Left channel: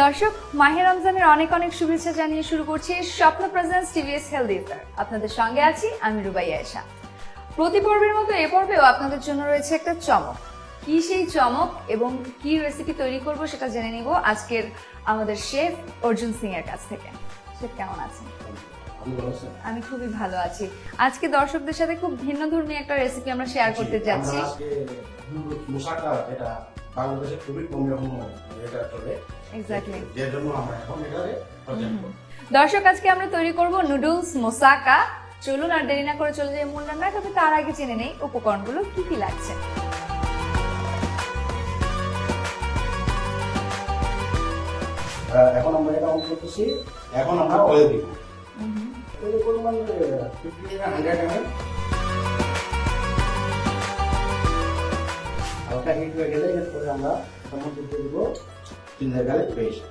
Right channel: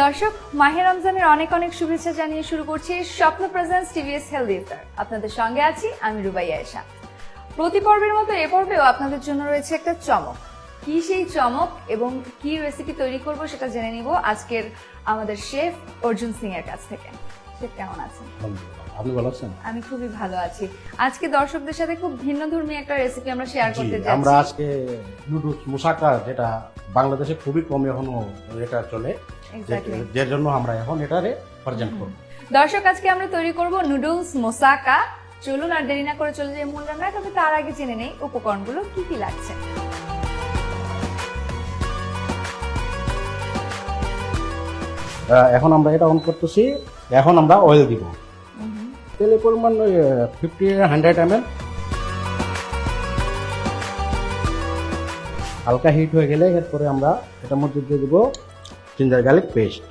দর্শক, মাহে রমজানের অনেক অনেক শুভেচ্ছা জানিয়ে শুরু করছি স্বপ্ন প্রেজেন্স টিভিএস হেলদি ইফতার। আপনাদের সঙ্গে আছি আমি রুবাইয়া আয়েশা। প্রতি পর্বের মতো এ পর্বেও আপনাদের জন্য রয়েছে একটা চমক। কি সেই চমক এবং কি রেসিপি তৈরি করব সেটা জেনে নিব আজকের আমাদের শেফ অর্জুন সিং এর কাছ থেকে। শেফ কেমন আছেন? আমি খুবই ভালো আছি। আজকে দর্শকদের সাথে খুব ভিন্নধর্মী একটা রেসিপি আমরা শেয়ার করতে যাচ্ছি। আমরা আজকে নুডলস মুসাকা, যেটা বাংলাদেশে খুবই কম এখনো এটা চলে, এক্স্যাক্টলি, যে জন্য আমরা এখন এটারে প্রেজেন্ট করব। দর্শক, আজকে আমরা তৈরি করব নুডলস মোসাকা। চলুন আর দেরি না করে চলে যাই মূল রান্নায়। তবে তার আগে জেনে নেই উপকরণগুলো কি কি লাগছে। এখন আমরা এটা অন করতেছি। এখন আমরা অয়েল দিব। তেলের পরিমাণ 50-100 ml। হালকা হিট হয়ে গেলে এরপরে আমরা এটার মধ্যে দিয়ে দিব ginger garlic paste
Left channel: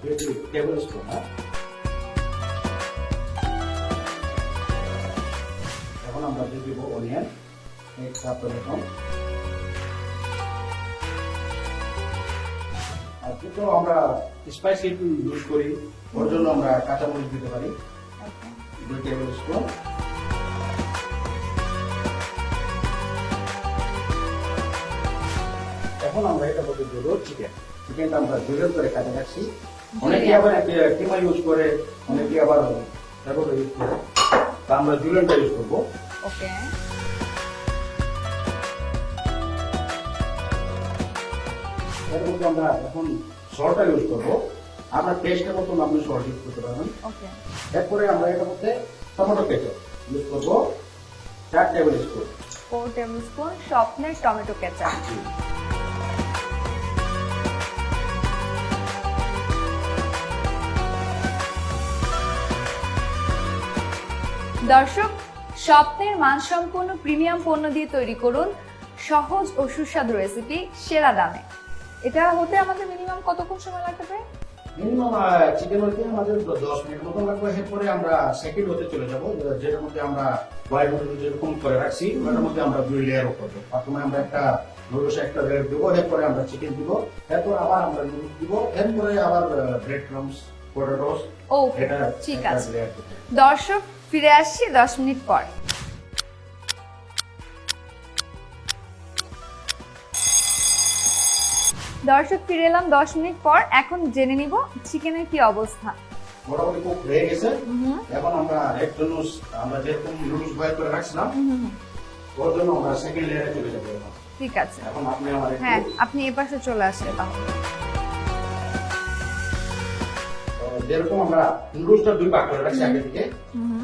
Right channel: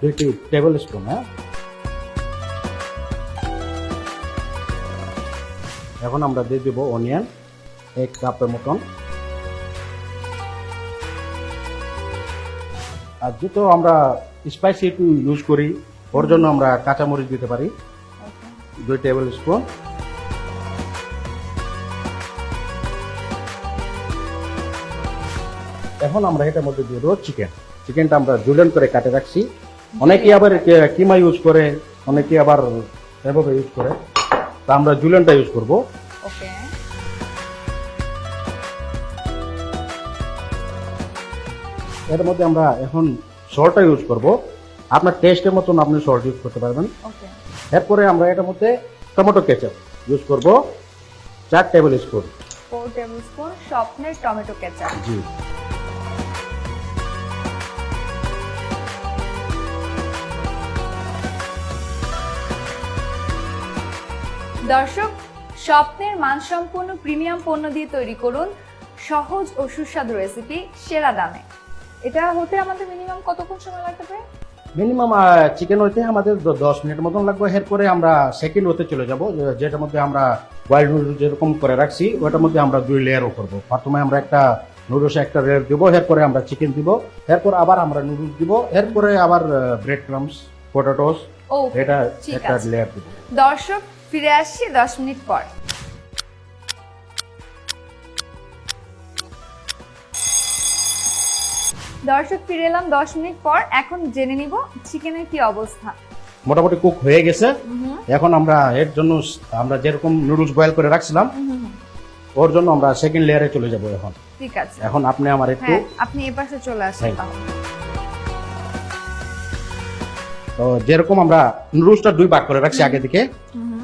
2 tablespoon. এখন আমরা দিয়ে দিব অনিয়ন 1 কাপের মতন। আর যেহেতু আমরা স্পাইসি একটু ইউজ করি, ওর জন্য আমরা কাঁচামরিচ দিতে পারি 2 টেবিল স্পুন। এখন আমরা এটার মধ্যে দিয়ে দেবো চিকেনটা আমরা জুলেন করে কাটে রাখছি। অনেকে আবার কিমা ইউজ করে, অনেকে আবার ইউজ করে, তা আমরা জুলেনটা ইউজ করবো। ওকে, এর মধ্যে আমরা এখন সল্টটা ইউজ করব। আপনার টেস্টের মতন আপনি সল্ট ইউজ করতে পারবেন। ওকে, এরপরে আমরা এটার মধ্যে টমেটো কেচাপ ইউজ করব 4 টেবিল স্পুন। 4 টেবিল স্পুন স্বপ্নের টমেটো কেচাপ। জি, দর্শক, স্বপ্নের মানসম্পন্ন প্রিমিয়াম পণ্য দিয়ে তৈরি করুন সহজ ও সুস্বাদু রেসিপি সেরা দামে। এটা হতে আমাদের মিনিমাম কতক্ষণ সময় লাগতে পারে? মিনিমাম চিকেন হইতে আমাদের 10 মিনিট মতন লাগবে। এরপরে আমরা সেকেন্ড হতে চলে যাব, যেটার মধ্যে আমরা বয়েল নুডলস যেরকম করে রাখছি ওটার মধ্যে আমরা 2 লেয়ারও করবো। প্রথমে আমরা একটা নুডলসে একটা লেয়ার দিব, এরপরে আমরা চিকেন দিব, এরপর আবার আমরা নুডলস দিব, এরপরে আবার ব্রেড ক্রামস, পটেটোস, ওকে, এটা ঠিক একটা আছে। লেয়ার দিব। দর্শক, ফিরে আসছি 10 মিনিট পর। দর্শক, ফিরে এলাম 10 মিনিট পর। এখন জেনে নিব চিকেনের কি অবস্থা। মোটামুটি কুক হয়ে গেছে। এখন আমরা এর জন্য আমরা যেরকম নুডলস বয়েল করে রাখছিলাম ওর জন্য আমরা সেকেন্ড লেয়ারে চলে যাবো। এখন ঠিক আছে, এখন আপনি আমার একটু, হ্যাঁ, আপনি এই পাশে চলে আসেন হ্যাঁ। তাহলে। তো যেরকম আমরা নুডলসটা 2 ভাগ করে রাখছি আগে থেকে,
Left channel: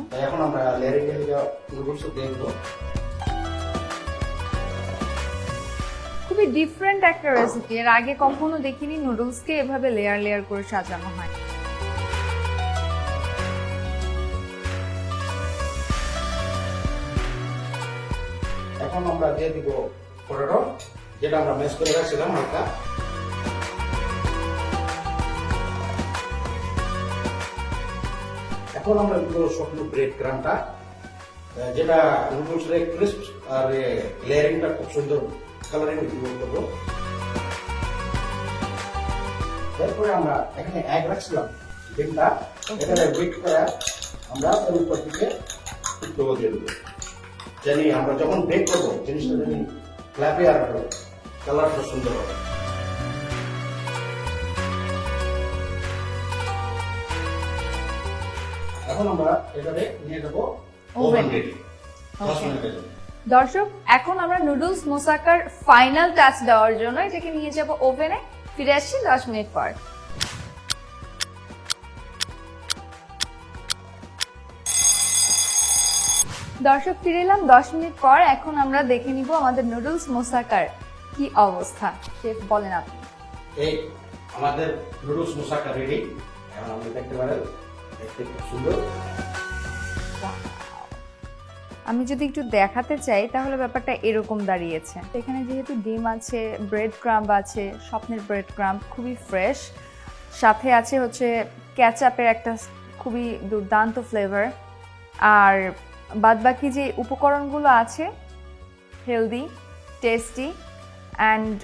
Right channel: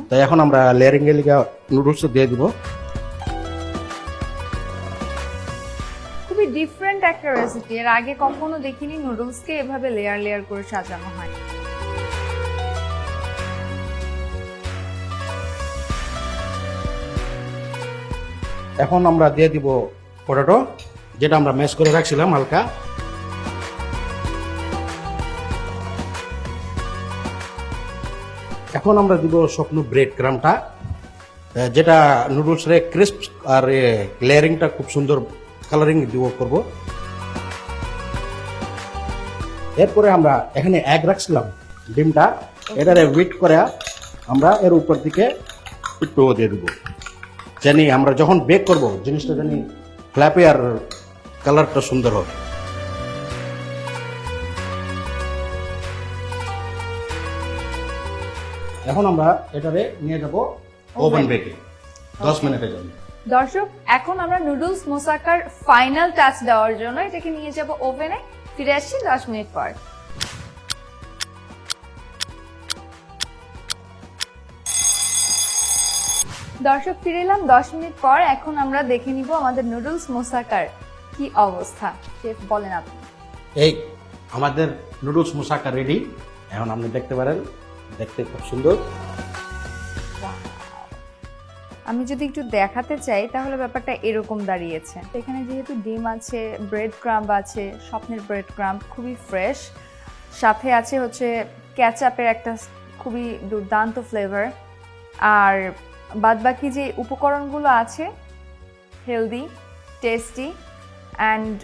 তাই এখন আমরা লেয়ারিং এর লিগে নুডলস দিয়ে দিব। খুবই ডিফারেন্ট একটা রেসিপি। এর আগে কখনো দেখিনি নুডলসকে এভাবে লেয়ার লেয়ার করে সাজানো হয়। এখন আমরা দিয়ে দিব পটেটো, যেটা আমরা ম্যাশ করে রাখছিলাম হালকা। এখন আমরা দিব শুকনো ব্রেড ক্রামটা, যেটা নুডলস রে ক্রিস্প আর লেয়ারিংটা খুব সুন্দর কালারিং দিব করব। এরপরে আমরা এখানে এগ রাখছিলাম, ডিমটা এটারে উইট করে আমরা এর উপর দিকে একটু দিয়ে দেবো, জানি আমরা যখন বেক করব জিনিসটা জানি ফ্ল্যাপে আর কালারটা সুন্দর হবে। এখন আমরা এটারে নিয়ে যাব ওভেন বেকে 10 মিনিটের জন্য। দর্শক, এখন আমরা নুডলস মোসাকার ফাইনাল টাচ দেওয়ার জন্য এটাকে নিয়ে যাব ওভেনে। ফিরে আসছি 10 মিনিট পর। দর্শক, ফিরে এলাম 10 মিনিট পর। এখন আমরা দেখে নিব আমাদের নুডলস মোসাকার কি অবস্থা। শেফ, বলেন আপনি। এই আমাদের নুডলস মুসাকা রেডি। এখন আপনি দেখতে পারেন, দেখতে খুব সুন্দর। আমি যদি একটু দেখাতে চাই তাহলে ব্যাপারটা এরকম দাঁড়িয়েছে। এখানে যেহেতু ডিম আছে, ব্রেড ক্রাম্ব আছে, স্বপ্নের ব্রেড ক্রাম্ব খুবই ফ্রেশ, সাথে আছে হচ্ছে ক্যাচাপের একটা খুবই দুর্দান্ত ফ্লেভার, আর বাদবাকি যে উপকরণগুলো আছে healthy, tasty, and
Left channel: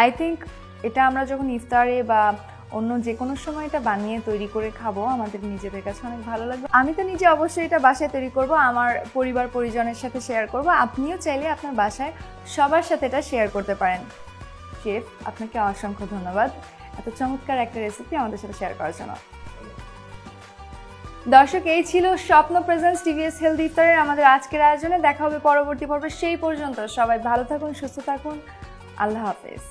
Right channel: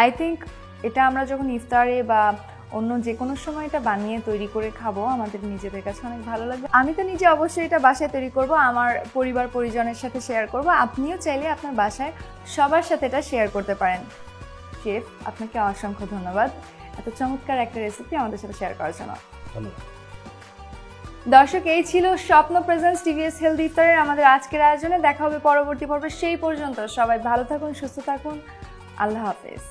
I think এটা আমরা যখন ইফতারে বা অন্য যে কোনো সময় এটা বানিয়ে তৈরি করে খাবো, আমাদের নিজেদের কাছে অনেক ভালো লাগবে। আমি তো নিজে অবশ্যই এটা বাসায় তৈরি করব, আমার পরিবার পরিজনের সাথে শেয়ার করব। আপনিও চাইলে আপনার বাসায় সবার সাথে এটা শেয়ার করতে পারেন। শেফ, আপনাকে অসংখ্য ধন্যবাদ এত চমৎকার একটা রেসিপি আমাদের সাথে শেয়ার করার জন্য। দর্শক, এই ছিল স্বপ্ন প্রেজেন্স টিভিএস হেলদি ইফতারের আমাদের আজকের আয়োজনে। দেখা হবে পরবর্তী পর্বে। সেই পর্যন্ত সবাই ভালো থাকুন, সুস্থ থাকুন। আল্লাহ হাফেজ।